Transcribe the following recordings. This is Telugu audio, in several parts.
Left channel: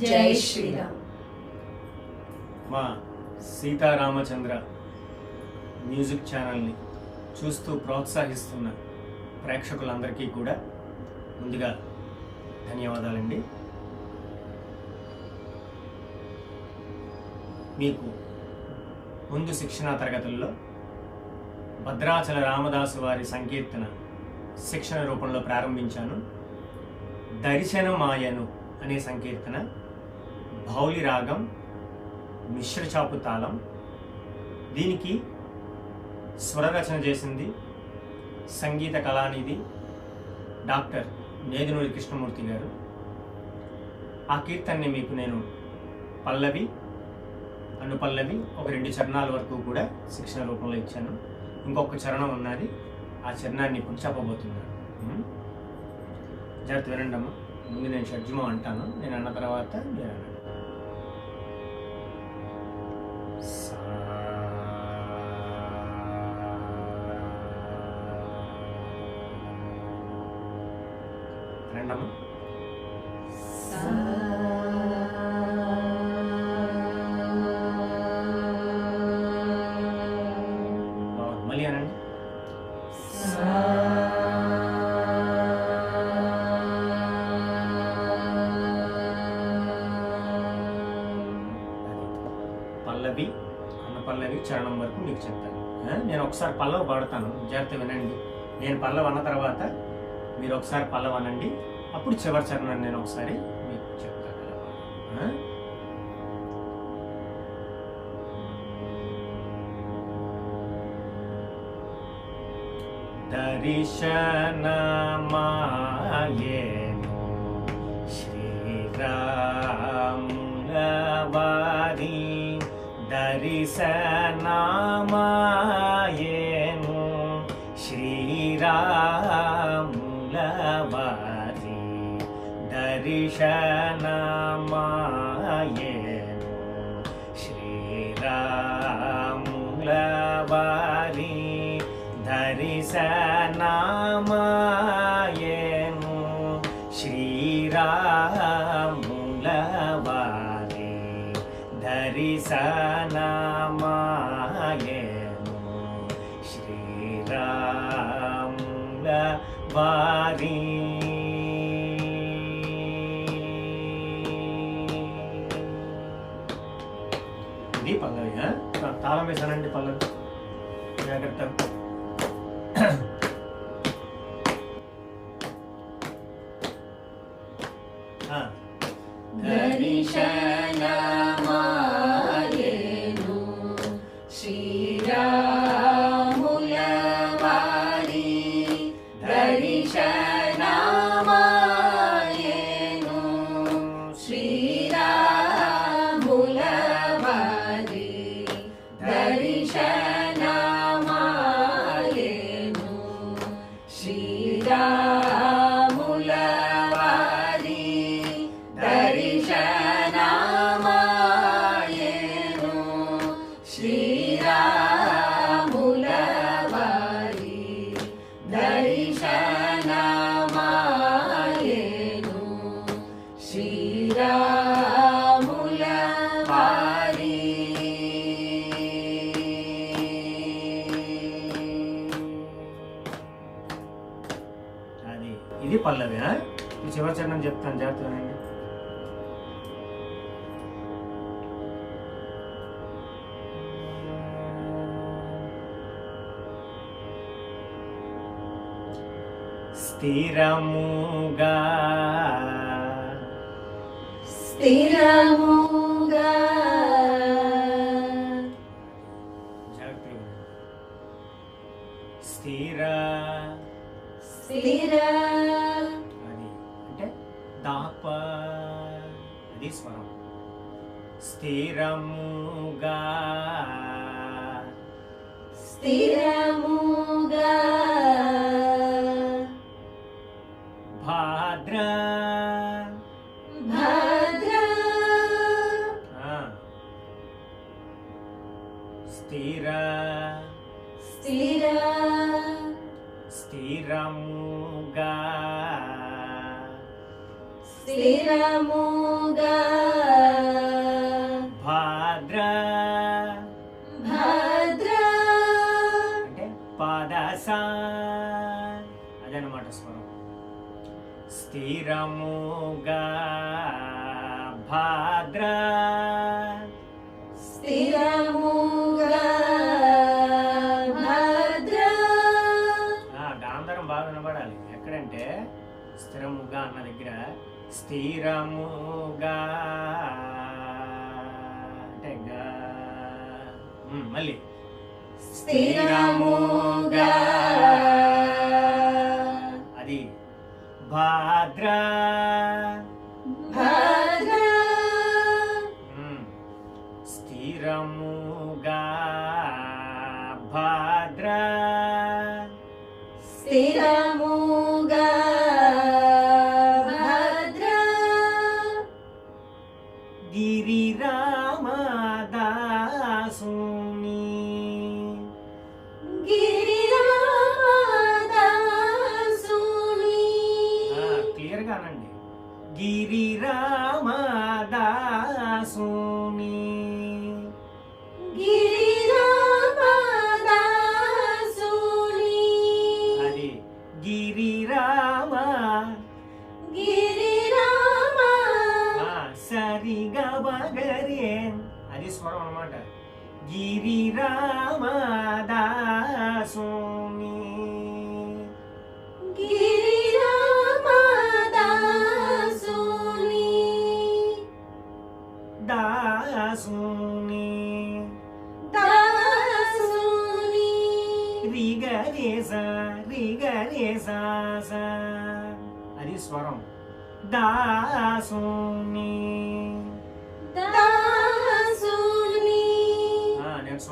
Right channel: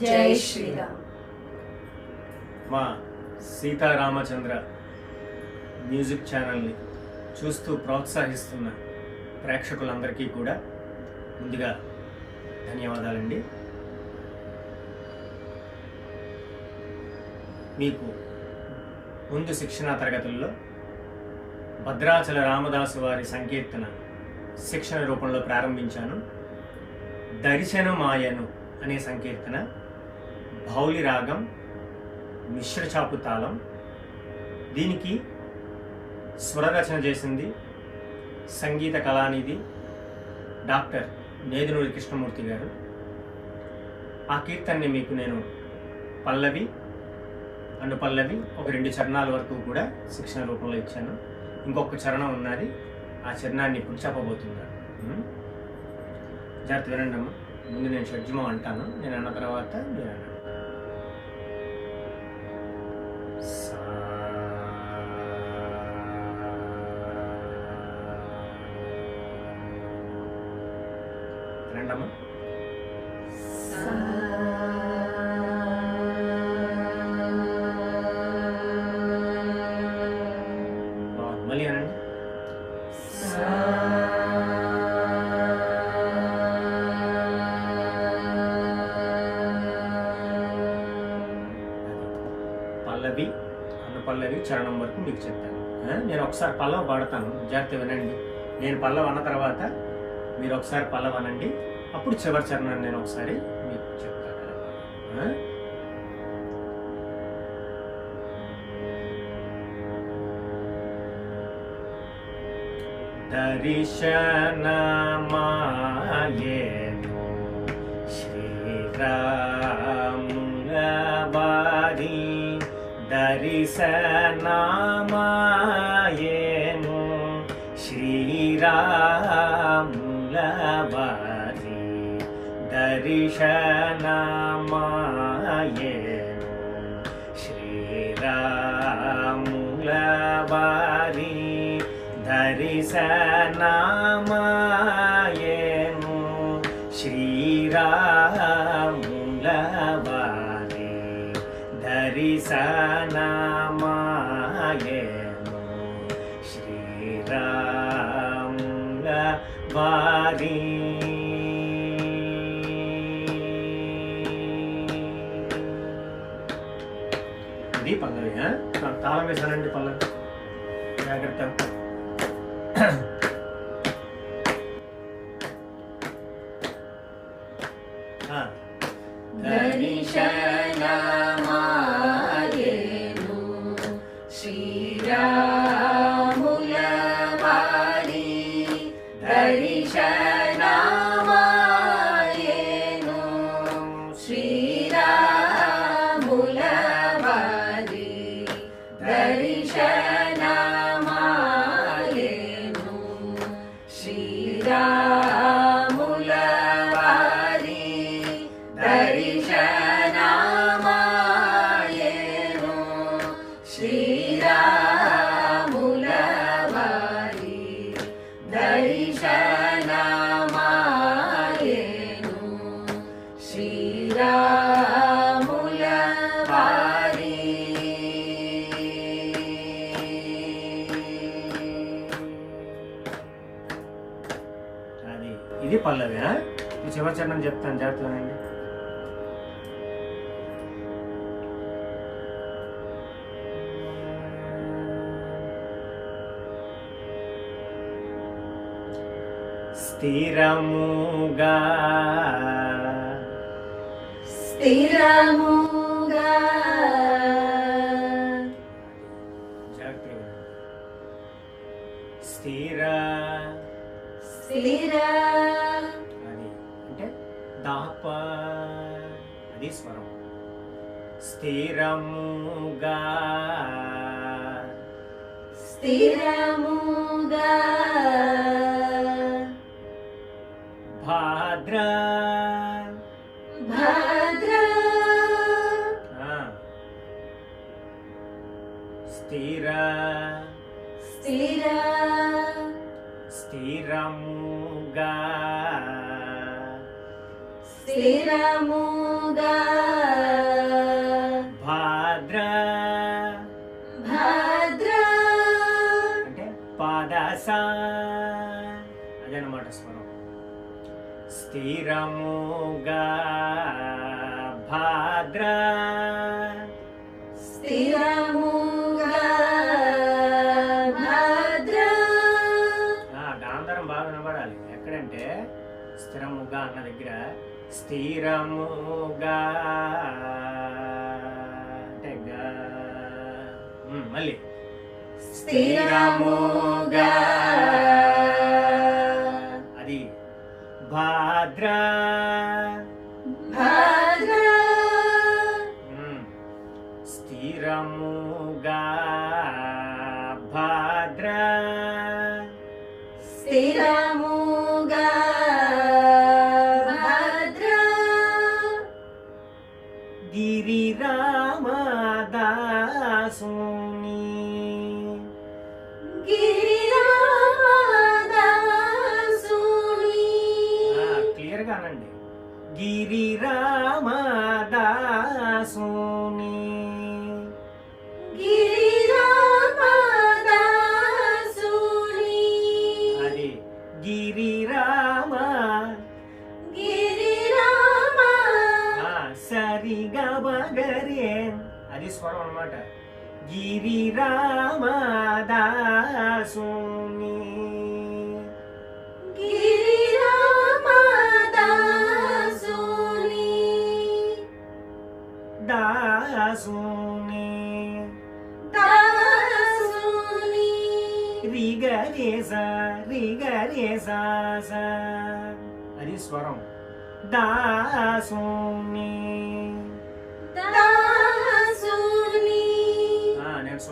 జై శ్రీరామ్. మా సీతారామచంద్ర మ్యూజిక్ ఛానల్ని చూస్తూ ప్రోత్సహిస్తున్న ప్రేక్షకులందరికీ కూడా ముందుగా ధన్యవాదాలండి. మీకు ముందు శిక్షణా తరగతుల్లో భద్రాచల రామదాసు వారి సంకీర్తన శిక్షణ రూపంలో ప్రారంభించాను. దర్శనమాయను అనే సంకీర్తన భౌలి రాగం మిశ్రచాపు తాళం. దీనికి స్వరరచన చేసింది సంగీత కళానిధి డాక్టర్ నేదునూరి కృష్ణమూర్తి గారు. ఆ కీర్తనని మీకు నేను పల్లవి అనుపల్లవి ఒక రెండు చరణాల వరకు కూడా శిక్షణ రూపంలో ఇచ్చాను. ఇంకొక చరణం ఉన్నది ఆ చరణాన్ని ఇప్పుడు చెప్పబోతున్నాను జాగ్రత్త వినండి ముందు నేను షడ్జమం అంటాను నేను అన్న తర్వాత మీరు వినండమ్మా మళ్ళీ అనండి. పల్లవి అన్న పల్లవి చరణం వరకు మీకు చెప్తాను. నేను ఒకసారి పల్లవ పాడతాను. జాగ్రత్త వినండి. నేను పల్లవ అన్న తర్వాత మీరు ఒకసారి పల్లవ అనండి. అప్పుడు చివరి చరణాన్ని నేను ఒకసారి మీకు చెప్తాను ఎలా పాడాలో. ఆ? దర్శనమాయేను దర్శనమాయేను శ్రీరాములవారి దర్శనమాయేను శ్రీరాములవారి దర్శనమాయేను శ్రీరాముల వారి తాళం వేసానండి పల్లవి జాగ్రత్త. స్థిరముగా. స్థిరముగా. స్థిర. స్థిర. అది అంటే దాప. అది స్వరం. స్థిరముగా. స్థిరముగా. స్థిర. స్థిర. స్థిరముగా. స్థిరముగా. భాద్ర. భద్ర. అంటే పాదస. అదనమాట స్వరం. స్థిరముగా. భాద్ర. స్థిరముగా. మళ్ళీ. స్థిరముగా. అది. భద్ర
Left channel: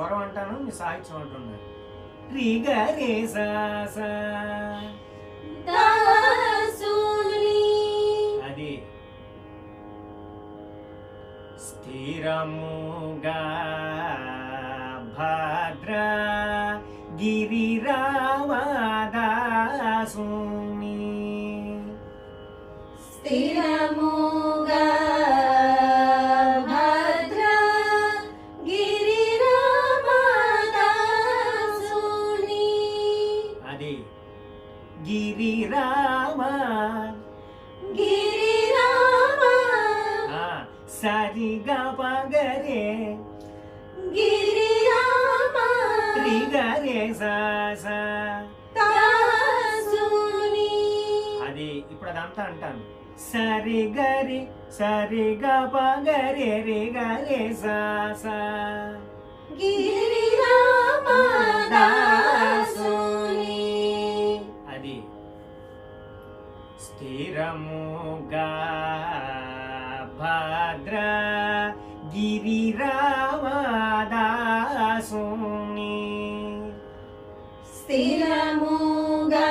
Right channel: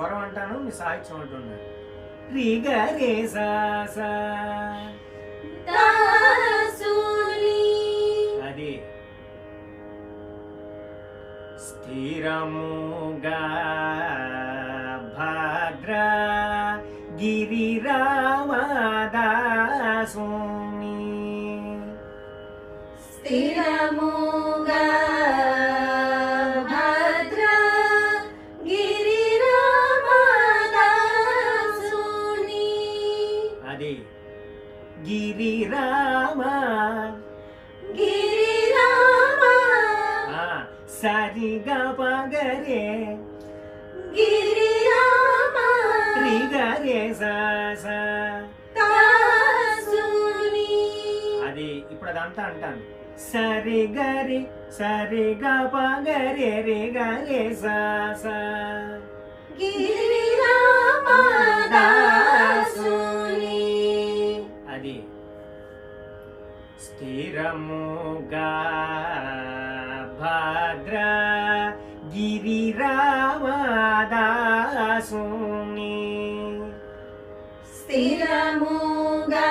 స్వరం అంటాను మీ సాహిత్యం అంటున్నాను అది స్థిరముగా సరిగా పగరే. సా దాసుని అది ఇప్పుడు అదంతా అంటాను. సరి గరి సరి గ పగరే రే గరే సా సా దాసుని అది స్థిరముగా భద్ర గిరిరామదాసుని స్థిరముగా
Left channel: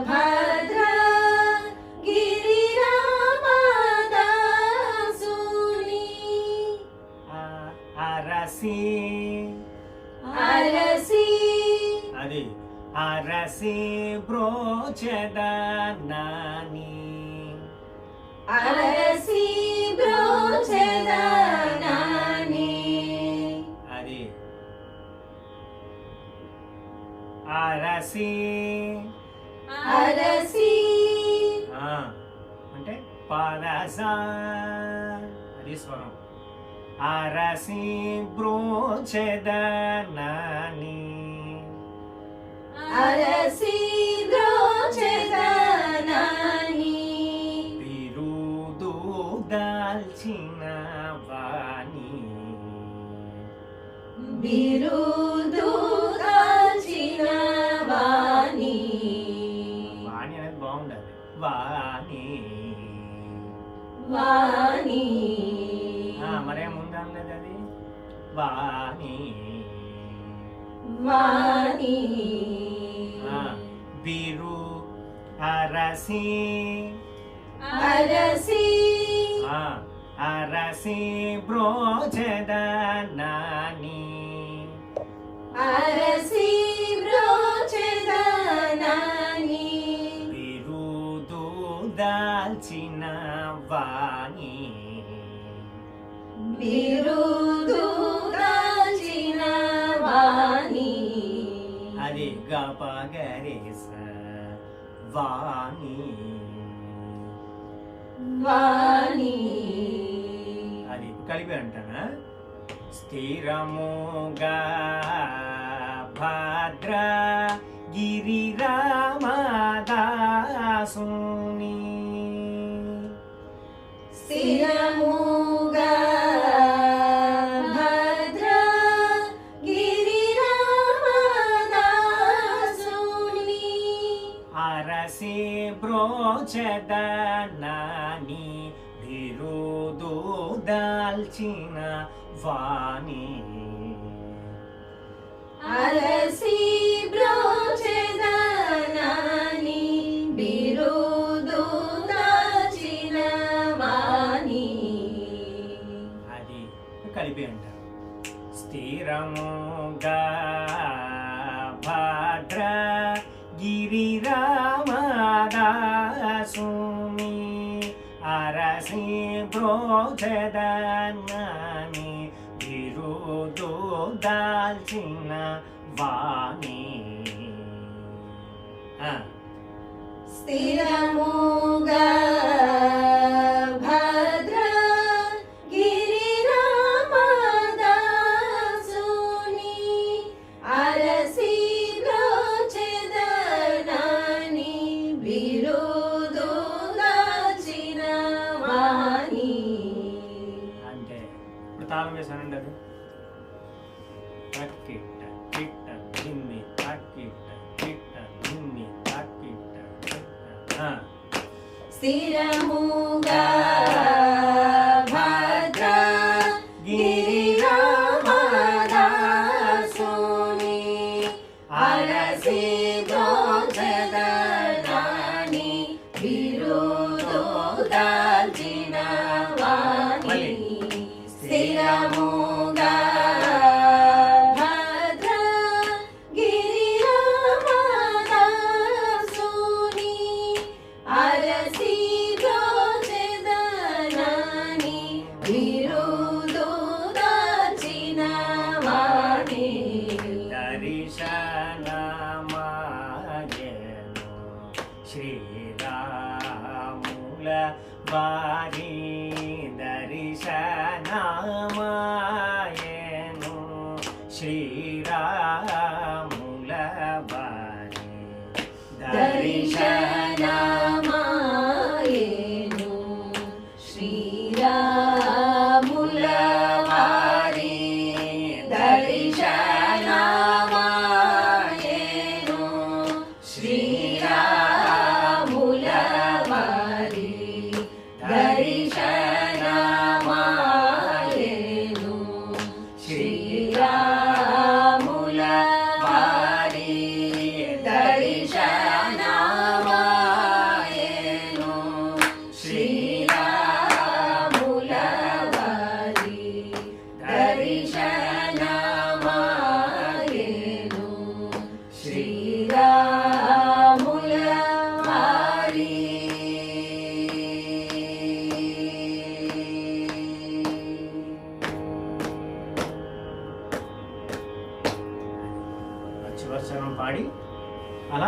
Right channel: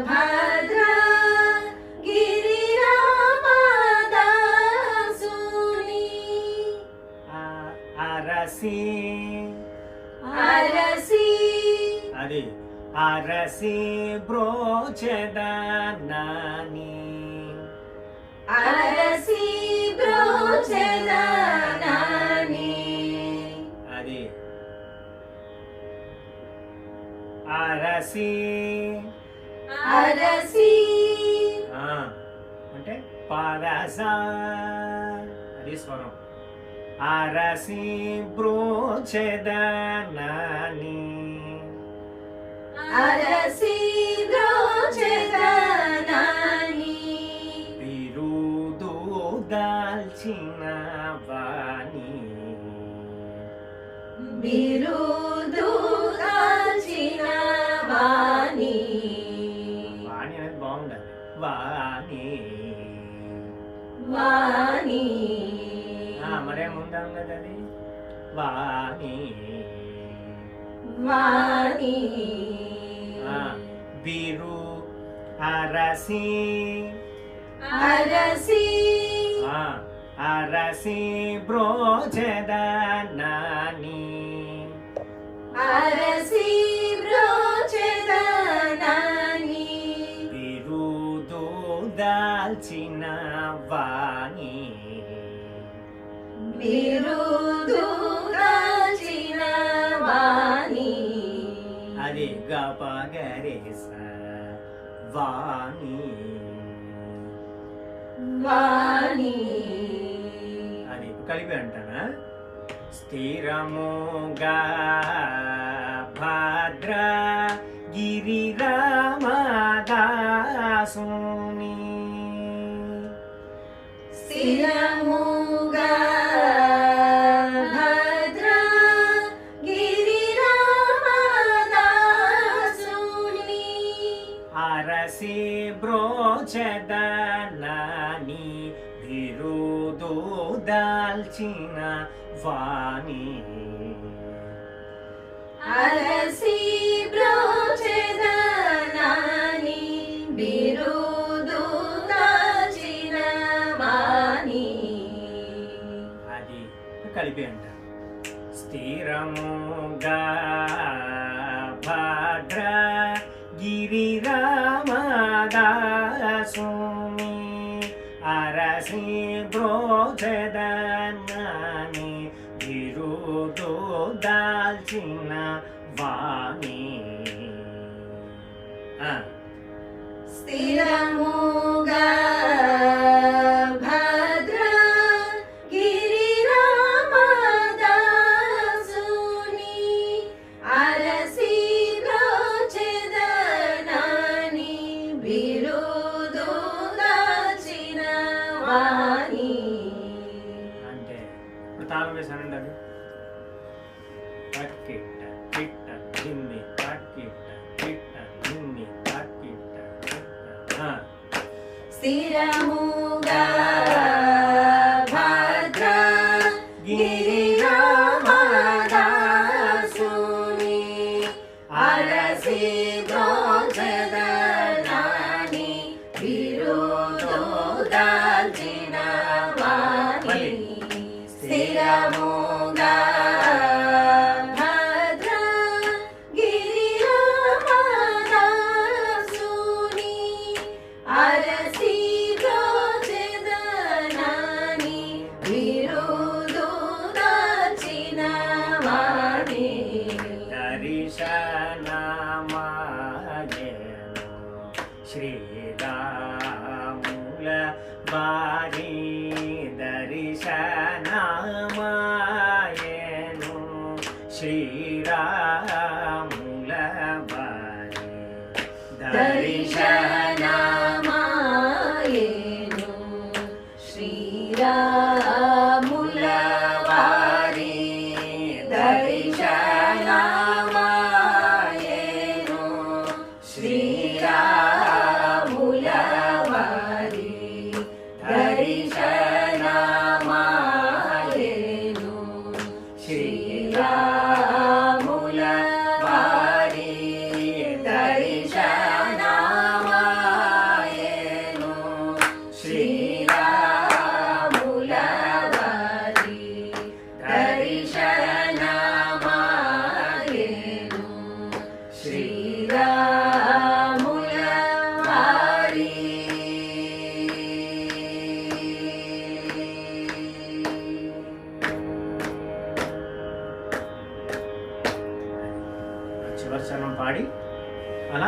భద్ర గిరిరామదాసుని ఆ- అరసి. అరసి. అది అరసి బ్రోచద నాని. అరసి బ్రోచదనాని అది. అరసి. అరసి. ఆ, అంటే పాదస. అది స్వరం. అరసి బ్రోచద నాని అరసి బ్రోచదనాని. దాల్చిన వాణి బిరుదు దాల్చిన వాణి వాణి అనేది బాగుండాలి వాణి వాణి ఆ, మరే ముందన్నది అది వాణి వాణి ఆ, బిరు అరసి అరసి ఆ, అరసి బ్రోచద నాని అరసి బ్రోచదనాని. బిరుదు దాల్చిన వాణి. బిరుదు దాల్చిన వాణి. అది గపగరేస వాణి. వాణి. అది కలిపి అంటానా స్థిరముగా భద్ర గిరిరామదాసుని. బ్రోచదనాని బిరుదు దాల్చిన వాణి. అలసి బ్రోచెదనాని బిరుదు దాచిన వాణి. అది కలిపి అరసి బ్రోచదనాని బిరుదు దాల్చిన వాణి దాల్చిన వాణి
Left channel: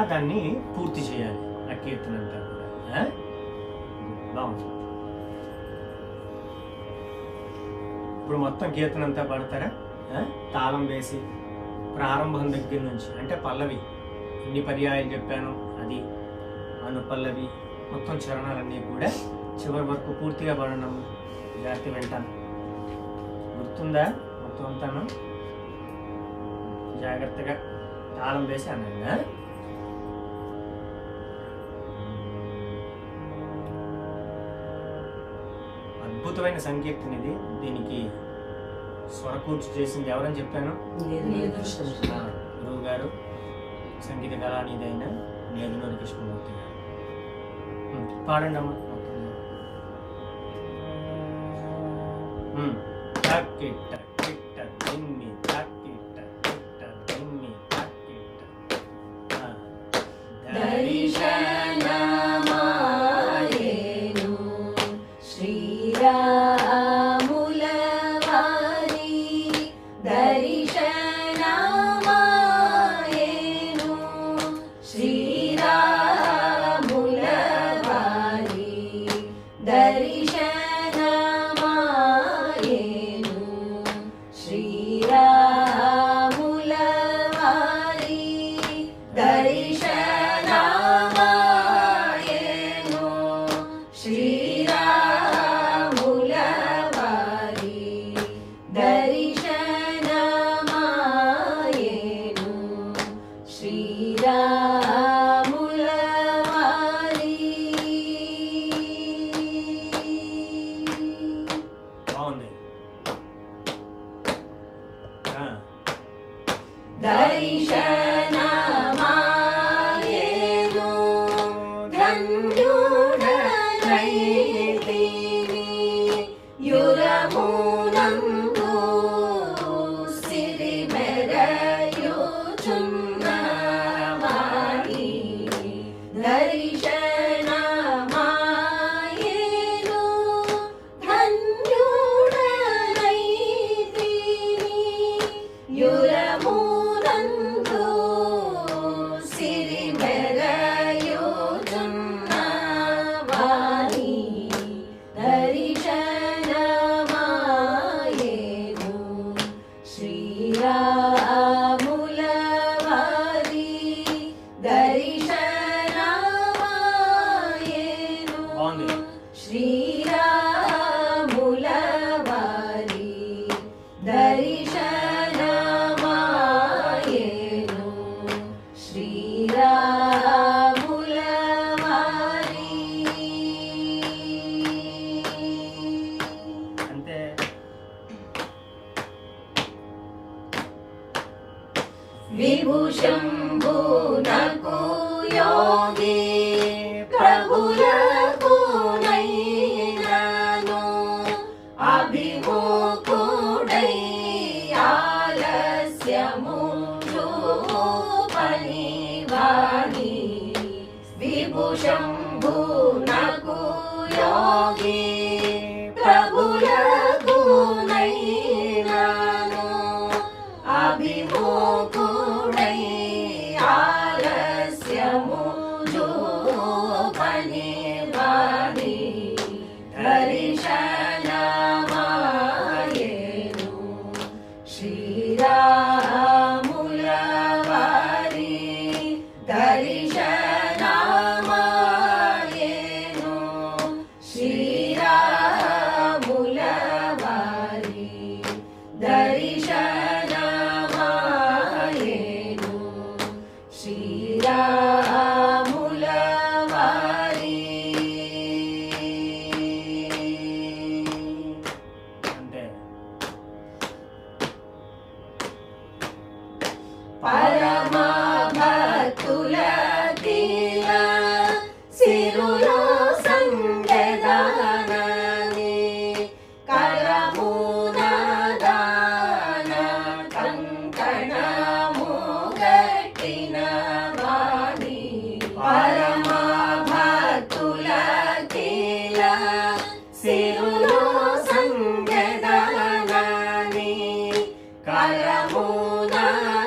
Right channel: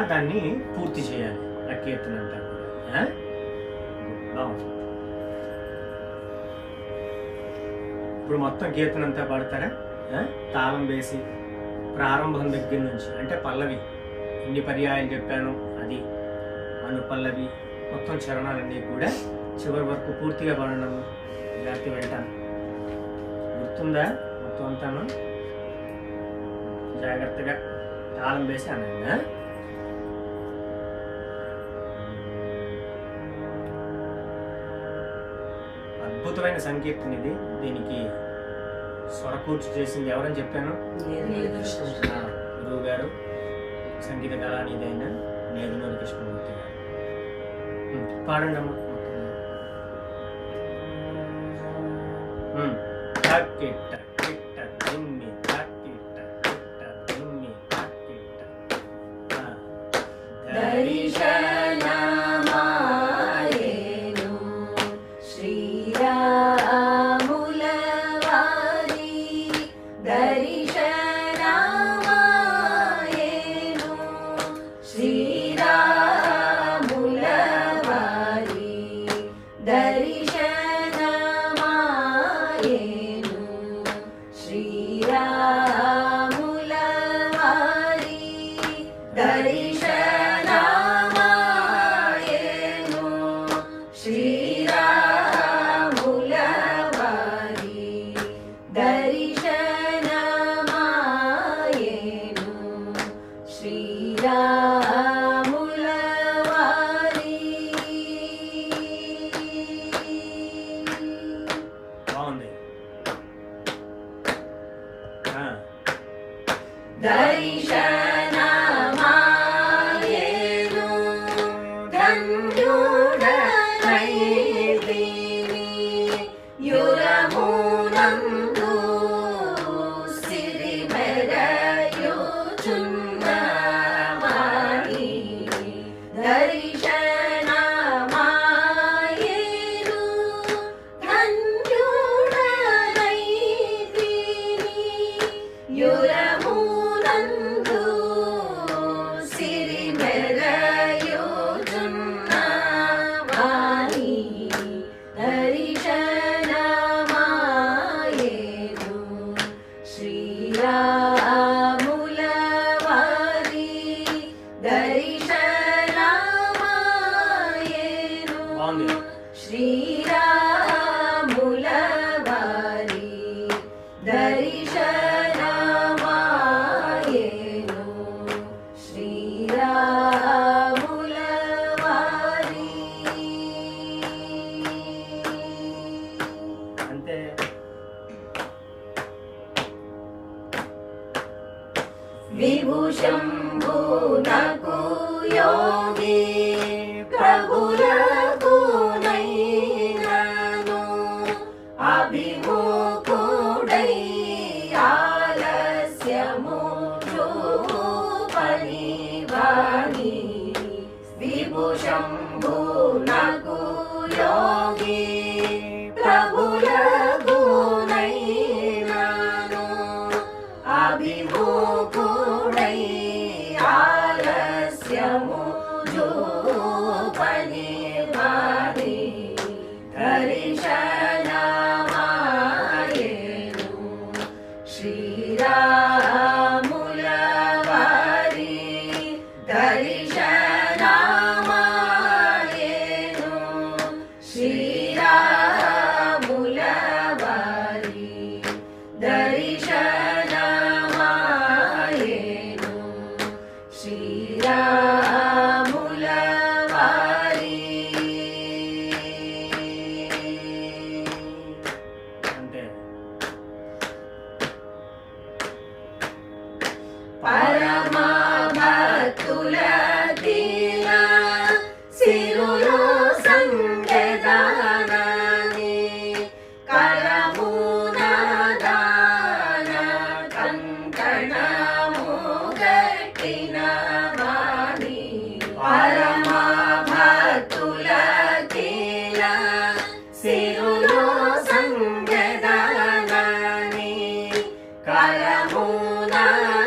దాన్ని పూర్తి చేయాలి. ఆ కీర్తన అంతా కూడా. ఆ? ఇప్పుడు మొత్తం కీర్తన అంతా పాడతారా? ఆ? తాళం వేసి ప్రారంభం దగ్గర నుంచి అంటే పల్లవి ఎన్ని పర్యాయాలు చెప్పాను అది అను పల్లవి మొత్తం చరణాలన్నీ కూడా చివరి వరకు పూర్తిగా పాడడం జాగ్రత్త వింటాను. గుర్తుందా? మొత్తం అంతాను? జాగ్రత్తగా తాళం వేసి అనంగా అద్భుతమైన సంకీర్తన ఇది. దీనికి స్వరకూర్చి చేసింది ఎవరని చెప్పాను? గురువు గారు సంగీత కళానిధి అయిన నేదునూరి కృష్ణమూర్తి గారు. పాడండి అమ్మా. ఆలస్యము చూపని వాణి 나보다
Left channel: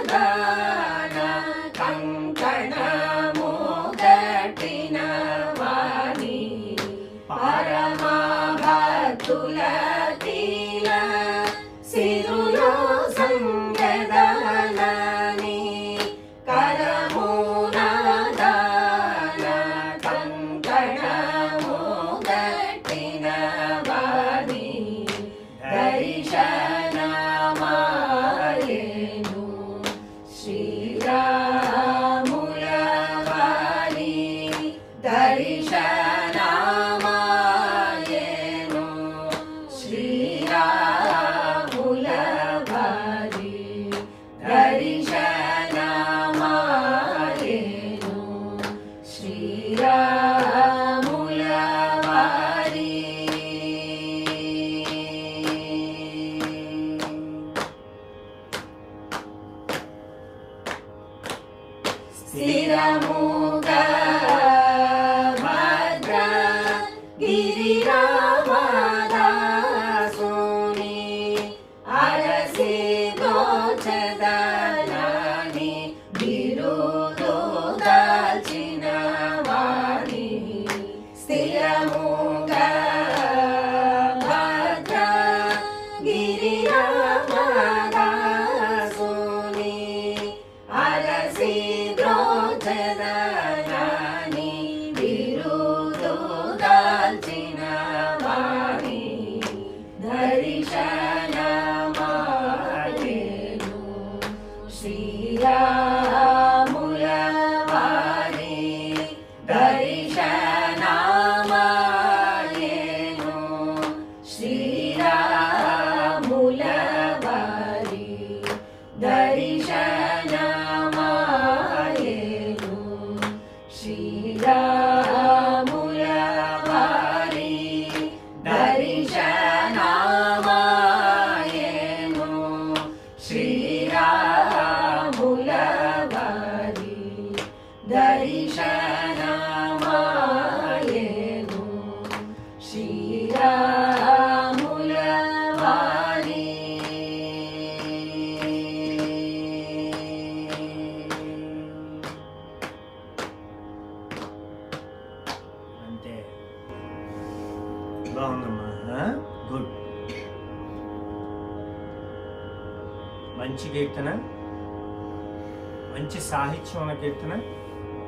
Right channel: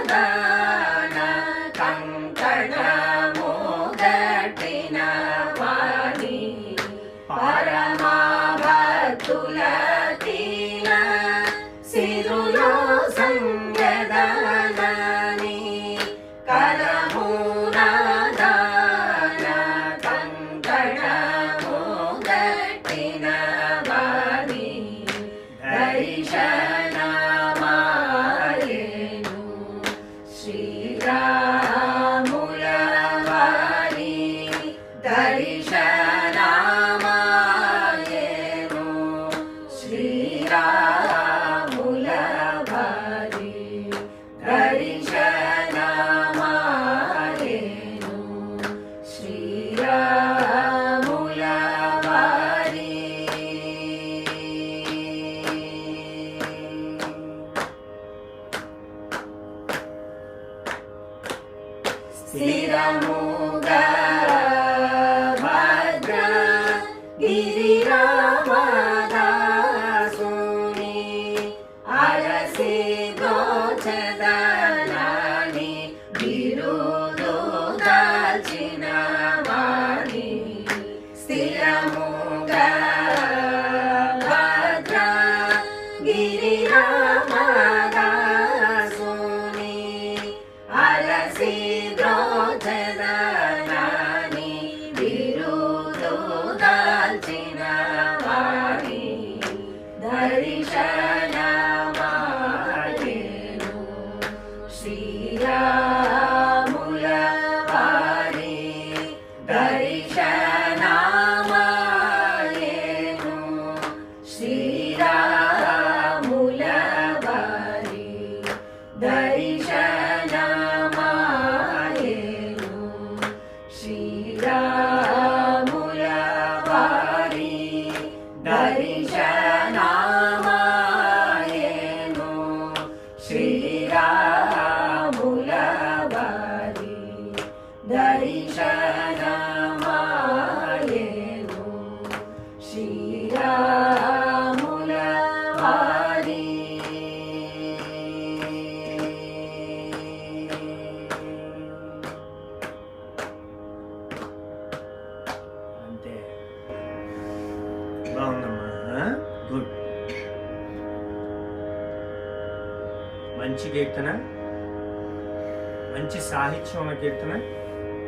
కీర్తన.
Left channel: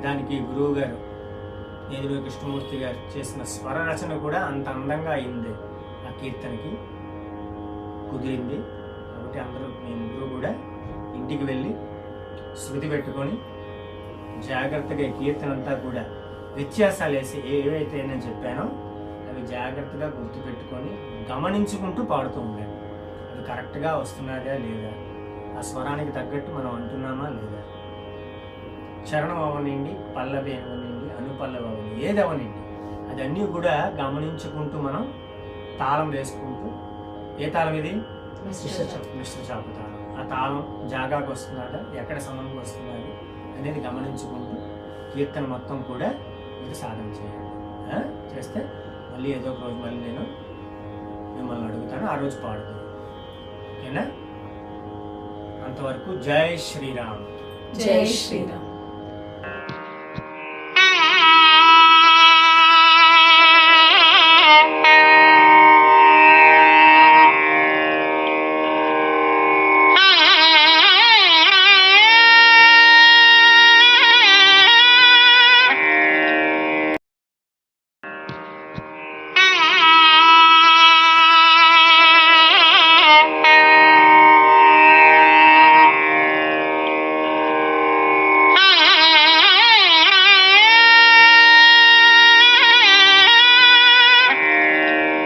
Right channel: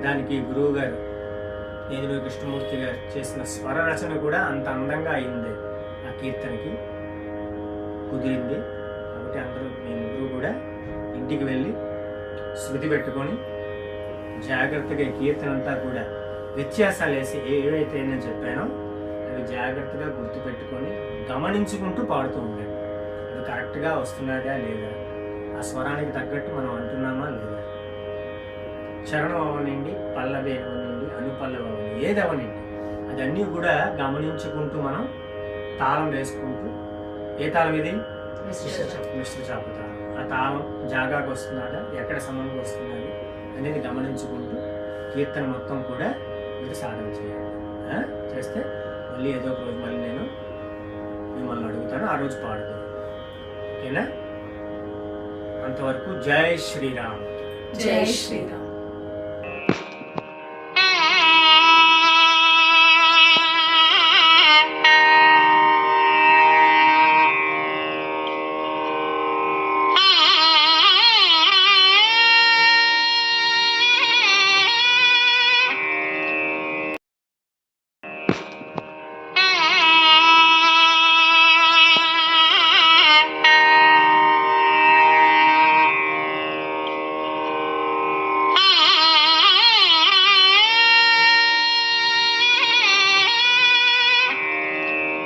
దానికి గురువు గారు నేదురు కృష్ణమూర్తి గారు చేసిన స్వర రచన కూడా అంత అందంగా అయింది ఆ కీర్తనకి. కుదిరింది. కాబట్టి అందరూ మీ ముగ్గురు కూడా ఇంటికి వెళ్ళి శృతి పెట్టుకొని జాగ్రత్తగా ఈ కీర్తన అంతా కూడా వ్యత్యాసాలు వేసి ఏవైతే నేను చెప్పానో అవి జాగ్రత్తగా గుర్తుపెట్టుకొని గమనించుకుంటూ పాడుతూ ఉండండి. అది కరెక్ట్గా వస్తున్నాదా లేదా? ఆ స్వరానికి తగ్గట్టు మనం అంటున్నామా లేదా? చరణం అవనండి పల్లవి అవనండి అనుపల్లవి అవనండి ఏది అవనండి అదన్నీ కూడా గమనించుకుంటూ మనం తాళం వేసుకుంటూ ఏ తాళం ఇది? మిశ్ర చాపు తాళం ఆ తాళం జాగాకు వస్తున్నాడా ఎక్కడ సమయంకి వస్తున్నది అనేది గమనించుకుంటూ కీర్తన మొత్తం కూడా మీరు సాధన చేయాలి ఆ? చేస్తే మళ్ళీ ఏదో ఒక రోజు మళ్ళీ నేను మిమ్మల్ని అడుగుతాను ఆ రోజు పాడుతాను. ఓకేనా? అంతవరకు జై శ్రీరామ్. జై శ్రీరామ్.